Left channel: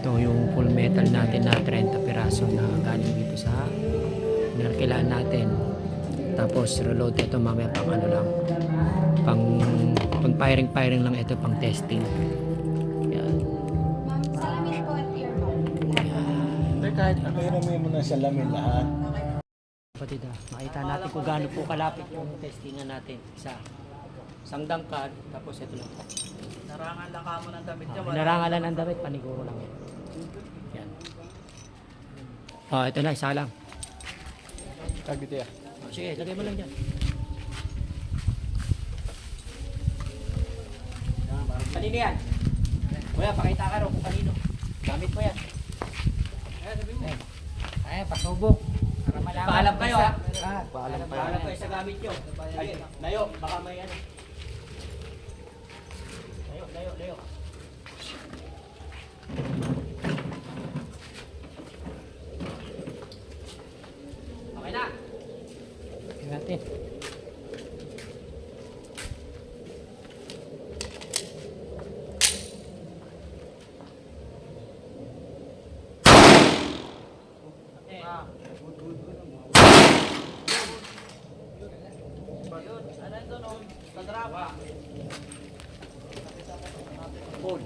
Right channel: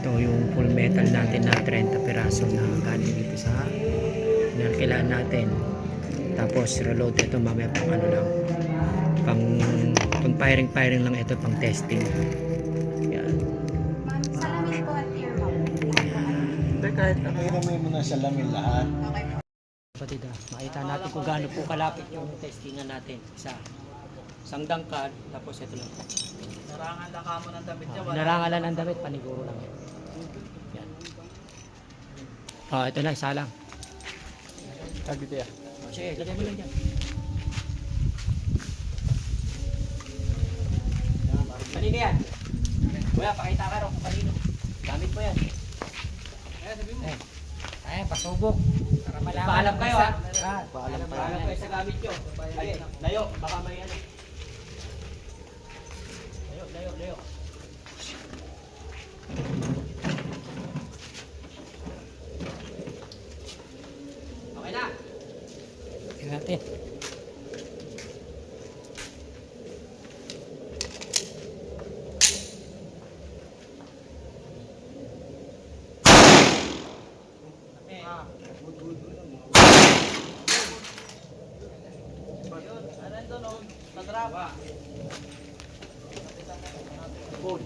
Ito yung full metal natin na 30 piraso na galing dito sa pinarkilahan natin. Tapos reload ito mamaya pang ano lang, pang firing lang ito, pang testing. Yan. Salamin po at your mouth. Kahit may mo na salamin lahat. Kapatid, makita natin kung gaano po kalapit yung testingan natin. Isang dangkad, tapos ito lang. Narangan lang ka mo ng damit niya. Narangalan ng damit, paniguro lang yan. Yan. Ito na, isa lang. Dito ya. Sige, lagay mo lang dyan. Kanino yan? Kuya, pakita ka raw kung kanino. Gamit mo yan. Eh, sabi mo. Ay, pasubok. Para malaman. Paalam kayo ha. Paalam Kayo sa gamit nyo. Ay, layo, baka may ano. Layo. Okay na. Okay natin. Yun, ano doon o? Sa drop. Cool.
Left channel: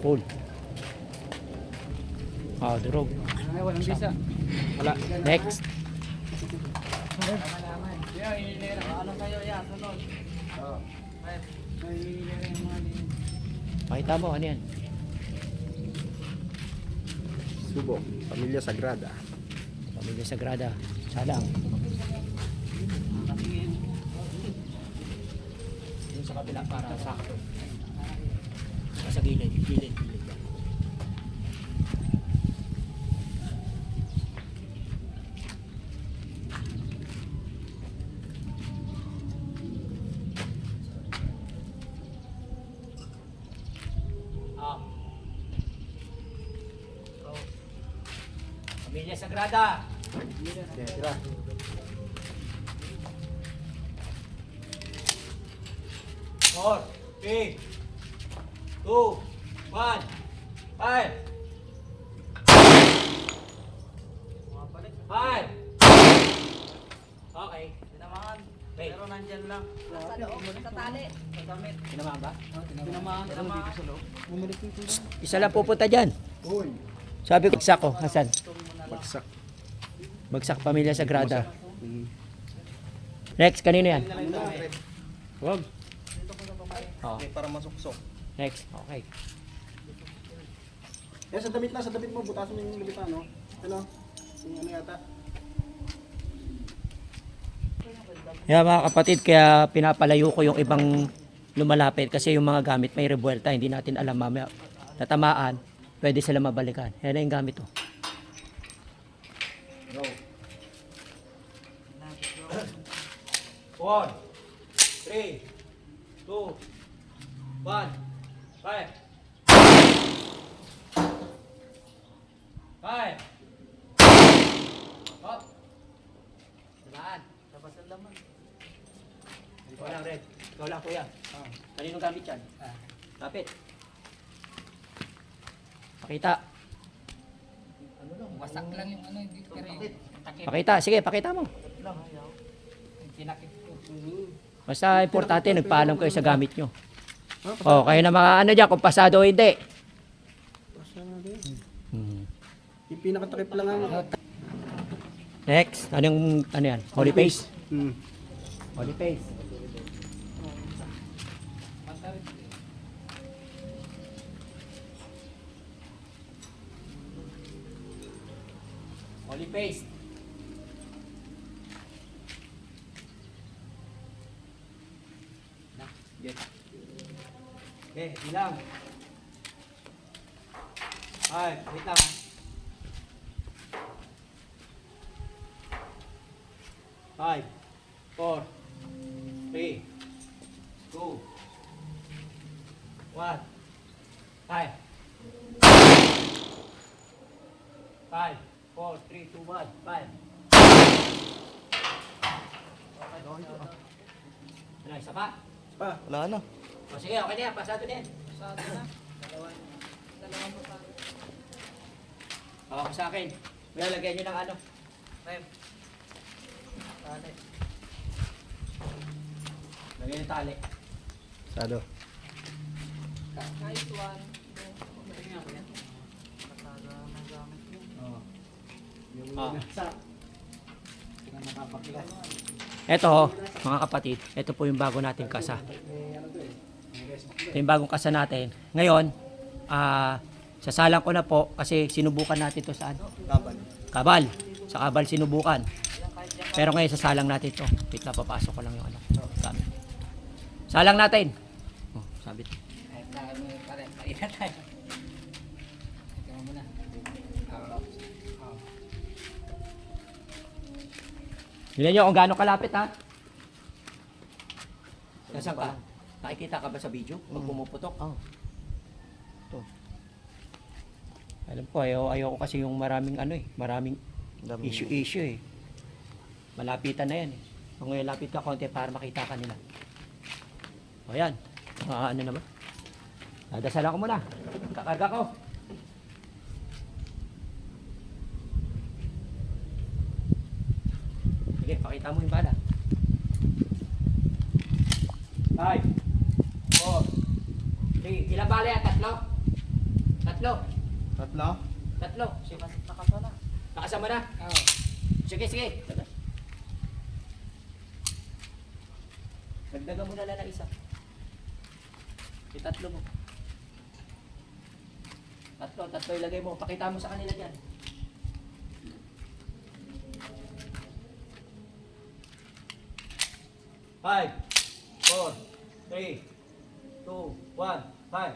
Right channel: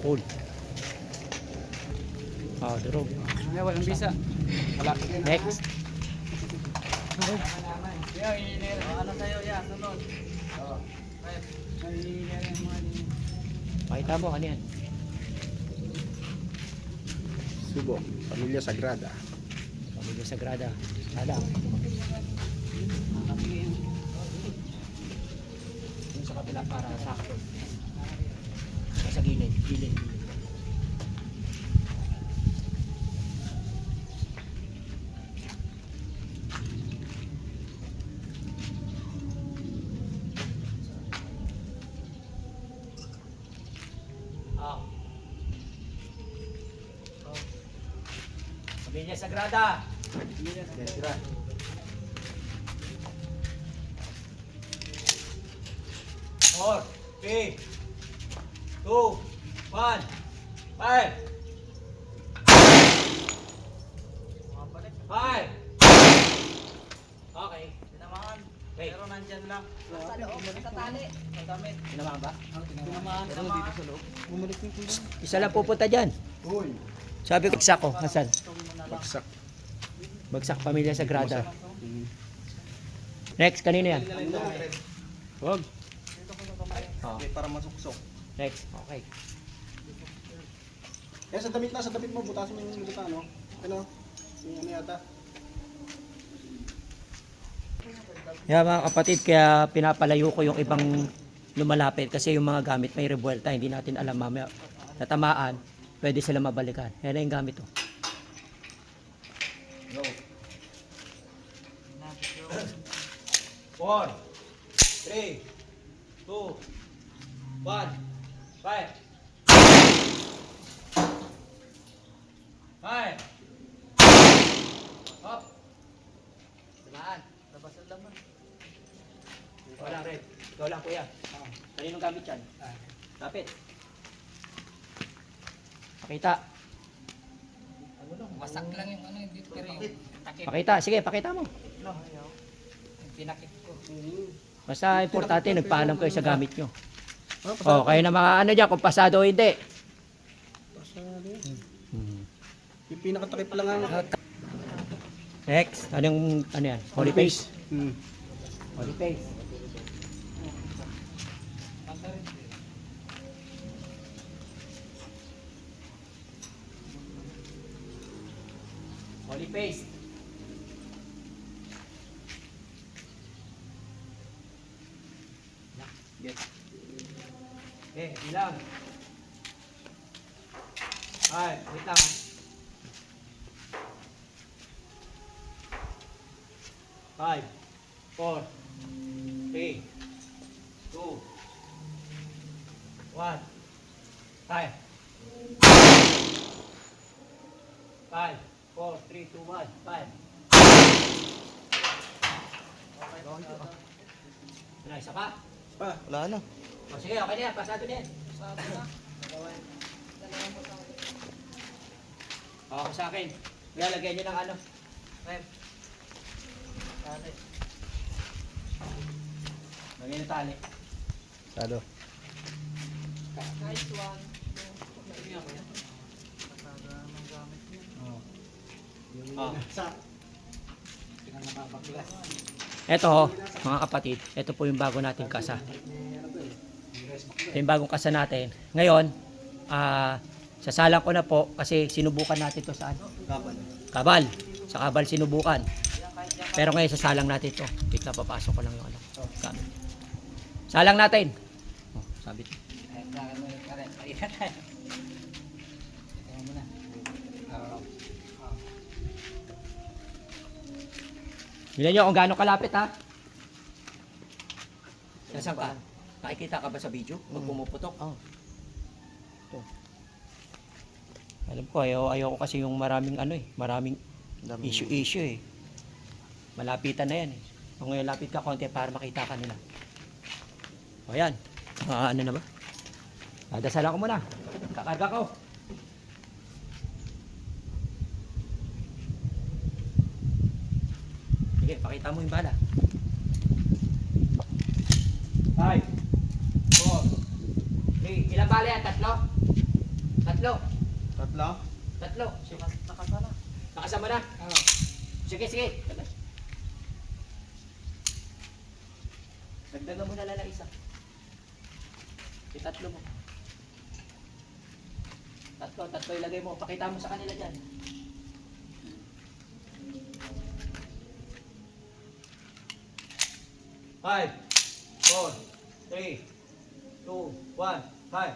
Cool. Durog. Ay, walang bisa. Wala. Next. Yeah, ininira. Ano sa'yo, ya? Sunod. May ininira yung mga ni... Makita mo, ano yan? Subok, Pamilya Sagrada. Pamilya Sagrada. Salang. Yung sa kabila para sakto. Sa gilid. Pamilya Sagrada. Four, 3, 2, 1, fire! Mabalik. Fire! Okay. Tinamaan. Okay. Pero nandyan lang. Sa loob, sa tali. Sa damit. Tinamaan ba? Tinamaan ka ma. Bumalik yung tuloy. Isa lang pupunta dyan. Uy, Sabi ko, bagsak ko. Hasan? bagsak. Bagsak Pamilya Sagrada. Next, kanino yan? Wag. Oh. Para masuksok. Next. Okay. Sa damit mo, butasin mo yung lubitan, no? Ano? Yung ano yata? Yeah, mga kapatid, kaya pinapalayo ko yung ibang lumalapit kasi yung mga gamit may revuelta, hindi natin alam mamaya natamaan, pwede sila mabalikan. Yan na yung gamit to. Go. 4, 3, 2, 1, fire! Fire! Hop! Tamaan. Labas ang laman. Ikaw lang, Red. Ikaw lang, kuya. Kaninong gamit yan? Lapit. Pakita. Ano lang, wasak lang yung ano, hindi pero yung takip. Pakita. Sige, pakita mo. Lang, ayaw. Yung tinakip ko. Basta importante, nagpaalam kayo sa gamit nyo. O, kayo na mga ano dyan, kung pasado o hindi. Pasado. Hmm. Yung pinakatakip lang ang... Next, ano yan? Holy face. Hmm. Holy face. Holy face. Okay, bilang. Ay, wait lang. 5, 4, 3, 2, 1, 5. 5, 4, 3, 2, 1, 5. Ano, isa pa? Pa, wala na. O sige, okay na yan. Pasado na yan. pasado na. Dalawang pasado. Ako sa akin. Lalagyan nyo ng ano. Rep. Tali. Lagyan yung tali. Sado. Kahit one. Tingnan ko yan. Pasado ng gamit yan. Oo. Yung Ah. nasa. Pinakapakla. Ito, mga kapatid, ito po yung bago nating kasa. May ano to eh. May respack Ito yung bagong kasa natin. Ngayon, sasalang ko na po kasi sinubukan natin to sa ano? Kapal. Kabal. Sa kabal sinubukan. Pero ngayon sasalang natin to. Wait lang, papasok ko lang yung ano. Gamit. Salang natin. Oh, sabit. Tingnan nyo kung gaano kalapit ha. Nasaan ka? Nakikita ka ba sa video? Pag pumuputok? Oo. Ito. Alam ko, ayaw ko kasi yung maraming ano eh. Maraming Daming- issue eh. Malapitan na yan. Kung ngayon lapit ka konti para makita ka nila. O yan. Ano na ba? Dasalan ko muna. Kakarga ko. Sige, pakita mo yung bala. 5, 4, 3. Ilang bala yan? Tatlo? Tatlo? Tatlo. Tatlo. Nakasana. Nakasama na? Oo. Sige, sige. Dagdagan mo na lang ng isa. Itatlo mo. Tatlo ilagay mo. Pakita mo sa kanila dyan. Five, 4, 3, 2, 1, 5.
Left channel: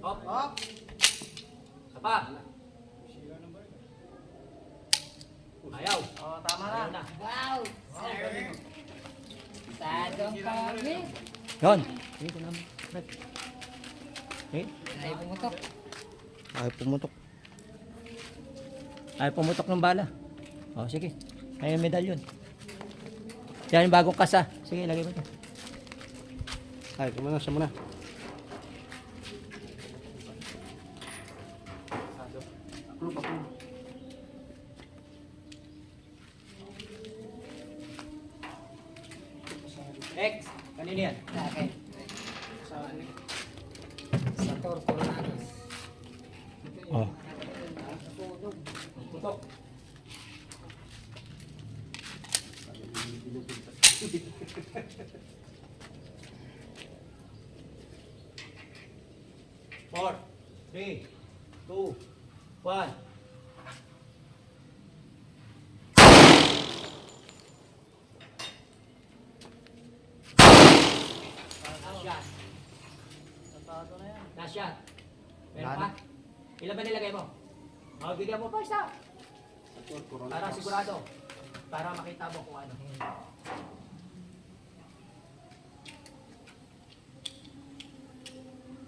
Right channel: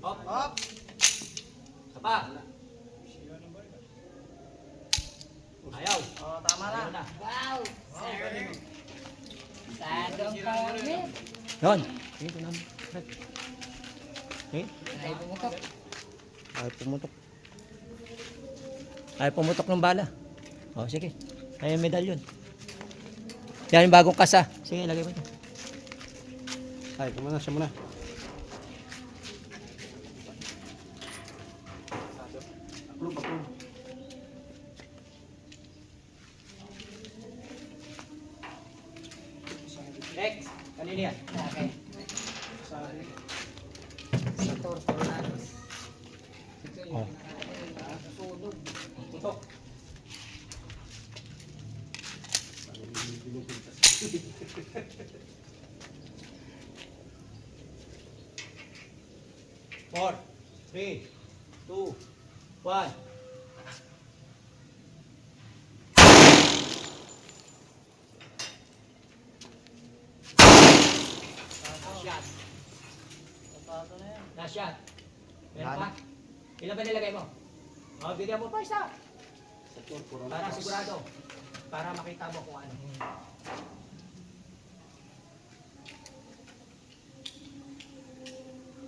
Hop, hop. Sapa. Ayaw. Oo, tama na. Ayaw na. Wow! Tadong kami. Yon. Sige ko namin. Fred. Okay. Ay, pumutok. Ay pumutok. Ay pumutok ng bala. Oh, sige. Ay yung medalyon. Yan yung bagong kasa. Sige, lagay mo ito. Ay, kumuna, siya muna. Approve, approve. Next. Kanina yan. Okay. Sabi. Sa turko lang. Oh. Sunog. Putok. Four, 3, 2, 1. Last shot. Pasado na yan. Last shot. Meron pa? Ilan ba nilagay mo? O, bigyan mo pa isa. Sa tour, corona. Para sigurado. Para makita mo kung ano.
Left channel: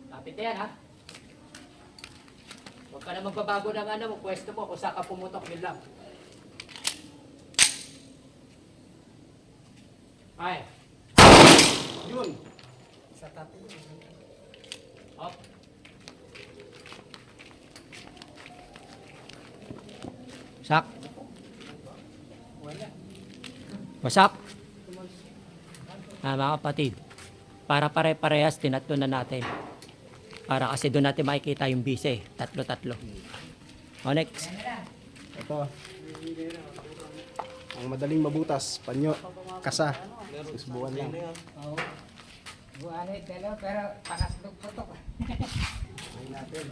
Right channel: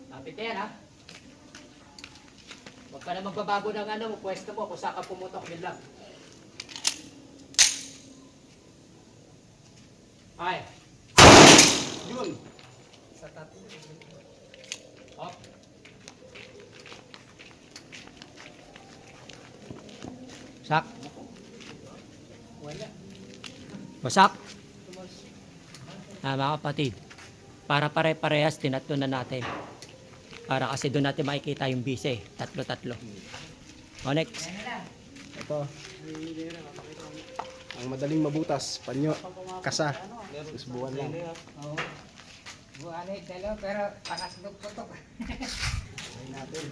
Lapit na yan ha. Huwag ka na magbabago ng ano mo, pwesto mo kung saan ka pumutok, yun lang. Ay, Yun. hop. Sak. Wala. Masak. Mga kapatid, para pare-parehas, tinatlo na natin. Para kasi doon natin makikita yung bise. Tatlo-tatlo. O, next. Ito. Ang madaling mabutas, panyo, kasa. Susubukan lang. Buwan dalaw pero pangatlog putok. Try natin.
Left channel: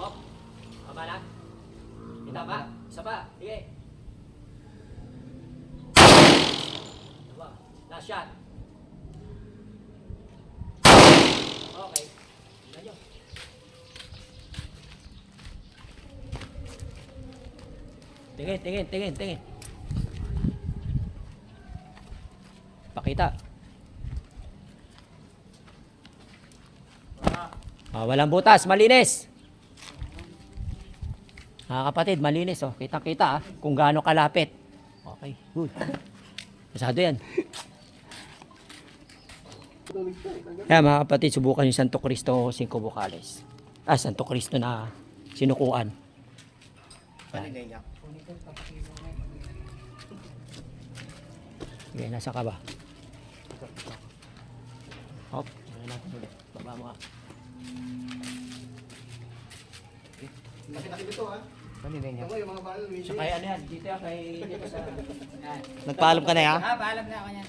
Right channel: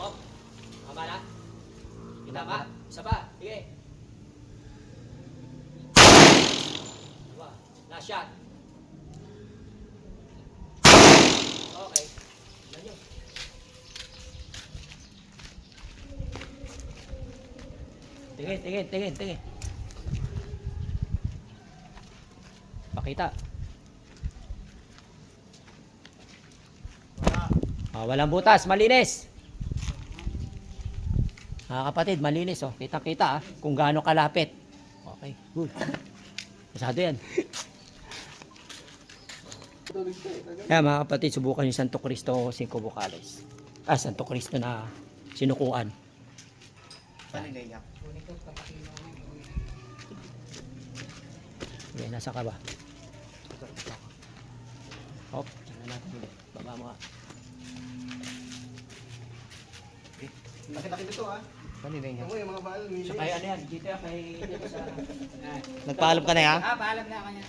Hop. Tama na. Kita pa. Isa pa. Sige. Diba? Last shot. Okay. Tingnan nyo. Tingin. Pakita. Wala. Walang butas, malinis. Mga kapatid, malinis oh. Kita-kita kung gaano kalapit. Okay, good. Masado yan. Kaya mga kapatid, subukan yung Santo Cristo 5 vocales. Santo Cristo na sinukuan. Okay, nasa ka ba? Hop, tingnan natin ulit. Baba mo ka. Laki-laki dito ha. Kanina Ako yung mga baal. So kaya ano yan? Dito yan kay dito sa... Nagpaalam ka na ha? Paalam na ako niyan.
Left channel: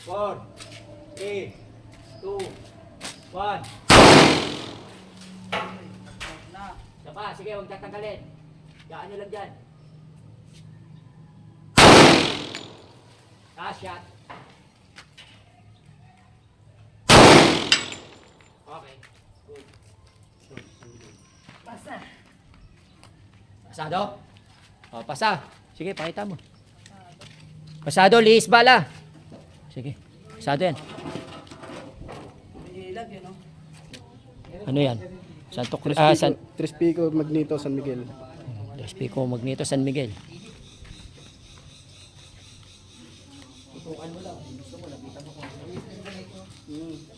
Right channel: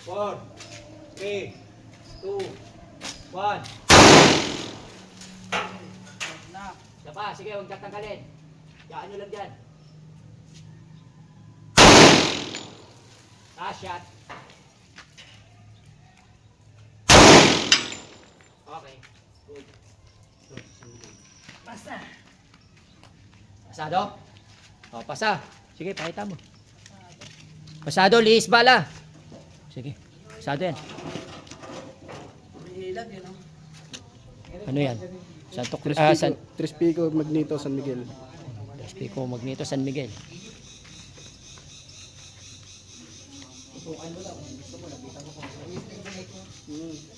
Four, 3, 2, 1. Siya pa, sige, huwag tatanggalin. Yaan nyo lang dyan. Shot. Okay. Good. Basta. Pasado? O, pasa. Sige, pakita mo. Pasado, lihis bala. Sige, pasado yan. Ano yan? Santo Cristo. Tres Pico, Magneto, San Miguel. Tres Pico, Magneto, San Miguel.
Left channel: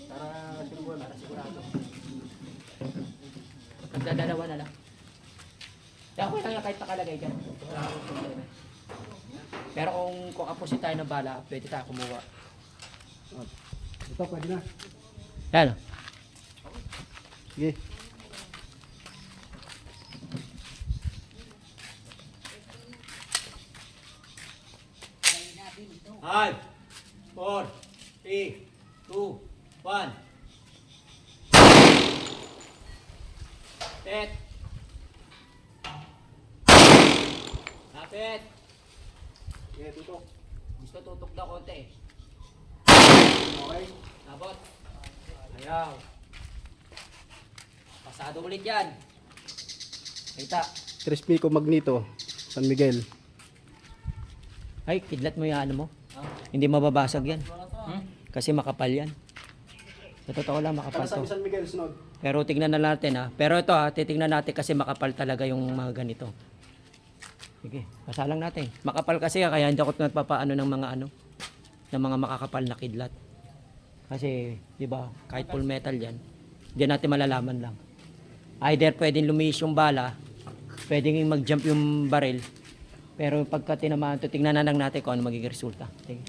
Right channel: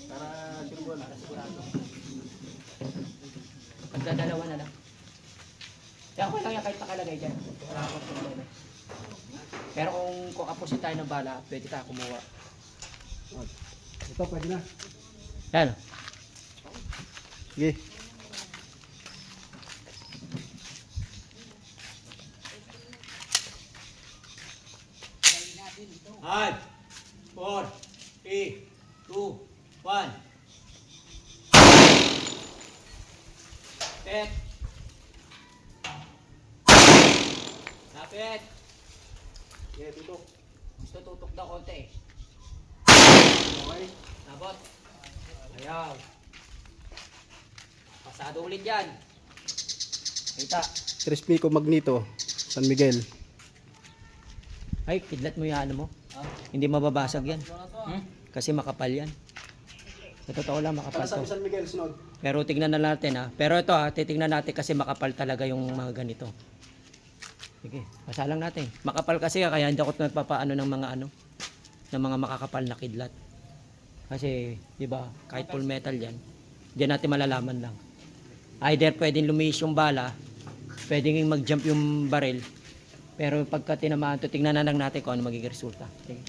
Para surbol. Magdadalawa na lang. Kaya ako lang yan kahit nakalagay dyan. Wala akong problema. Pero kung kapusin tayo ng bala, pwede tayo kumuha. Ito, pwede na. Yan. Sige. Five, 4, 3, 2, 1. Set. Lapit. Sige, dito. Gusto tutok na konti. Okay. Labot. Ayaw. Pasado ulit yan. Kita. Tres Pico, Magneto, San Miguel. Ay, kidlat mo yung ano mo. Hindi mababasag yan. Kasi makapal yan. Sa totoo lang, makapal Para sa to. San Miguel, sunod. Pero tignan na natin ha. Pero ito ha, titignan natin kasi makapal talaga yung mga ganito. Sige, basa lang natin. Makapal kasi kaya hindi ako nagpapaano ng mga ano, ng mga makakapal na kidlat. Kasi, di ba, kahit full metal yan, diyan natin malalaman lang. Either pwedeng lumihis yung bala, pwedeng mag-jump yung baril, pero pagka tinamaan to, tingnan na lang natin kung ano magiging resulta. Sige.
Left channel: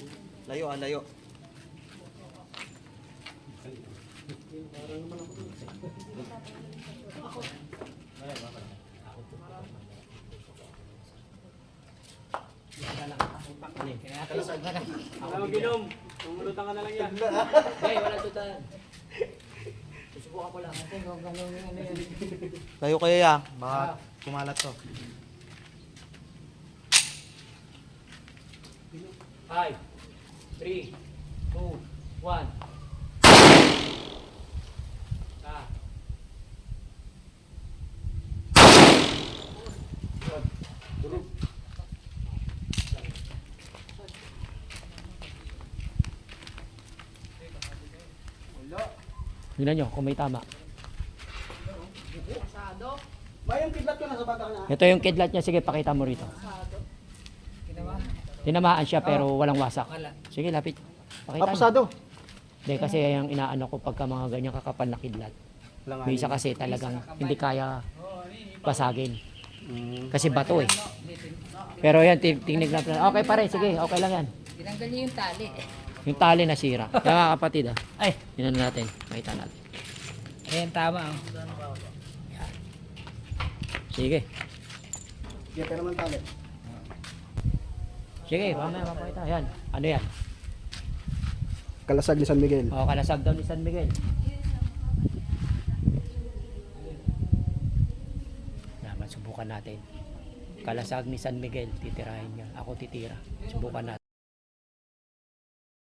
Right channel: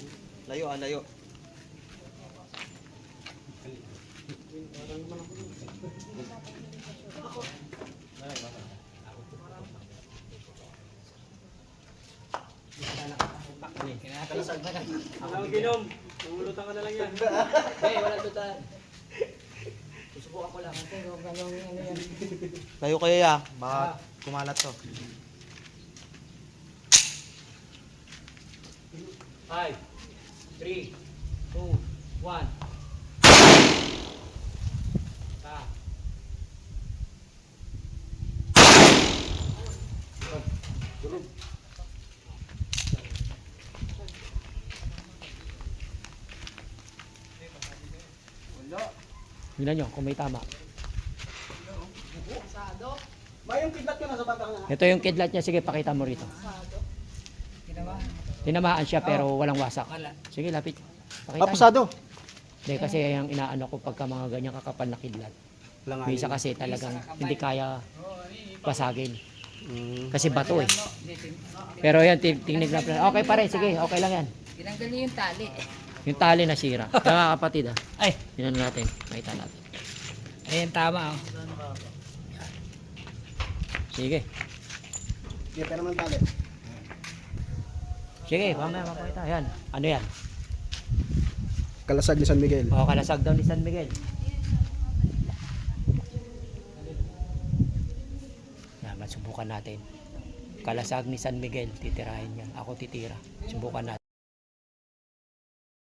Layo, layo. Ako mag-inom. Umulutan ka na lang yan. Hey, wala tutan. Susubukan ko lang. Layo kayo ya. Baka kumalat to. 5, 3, 2, 1. Tingnan nyo kung may tama. Ba yung kidlat ko nasa bata nga. Ito yung kidlat niya. Sige, pakita mo rito. Tinamaan siya pero walang wasak. Sige, lapit. Pakita mo. Pasado. Hindi, kasi yung inaano ko pagka mga ganyan kakapal na kidlat. May isa kasi talagang hindi kaya pasagin. Kasi bato eh. Pero yan, tingnan natin. Okay pare, sige, okay lang yan. Tinanggal niyo yung tali. Yung tali nasira. Kaya mga kapatid Ay, yun natin. Nakita natin. Ayan, tama Sige. Sige, pero man tali. Sige, mamaya makita. Ayan. Ano yan? Kalasag ni San Miguel. O, kalasag daw ni San Miguel. Naman, subukan natin. Kalasag ni San Miguel. Titirahin yan. Ako titira. Subukan natin.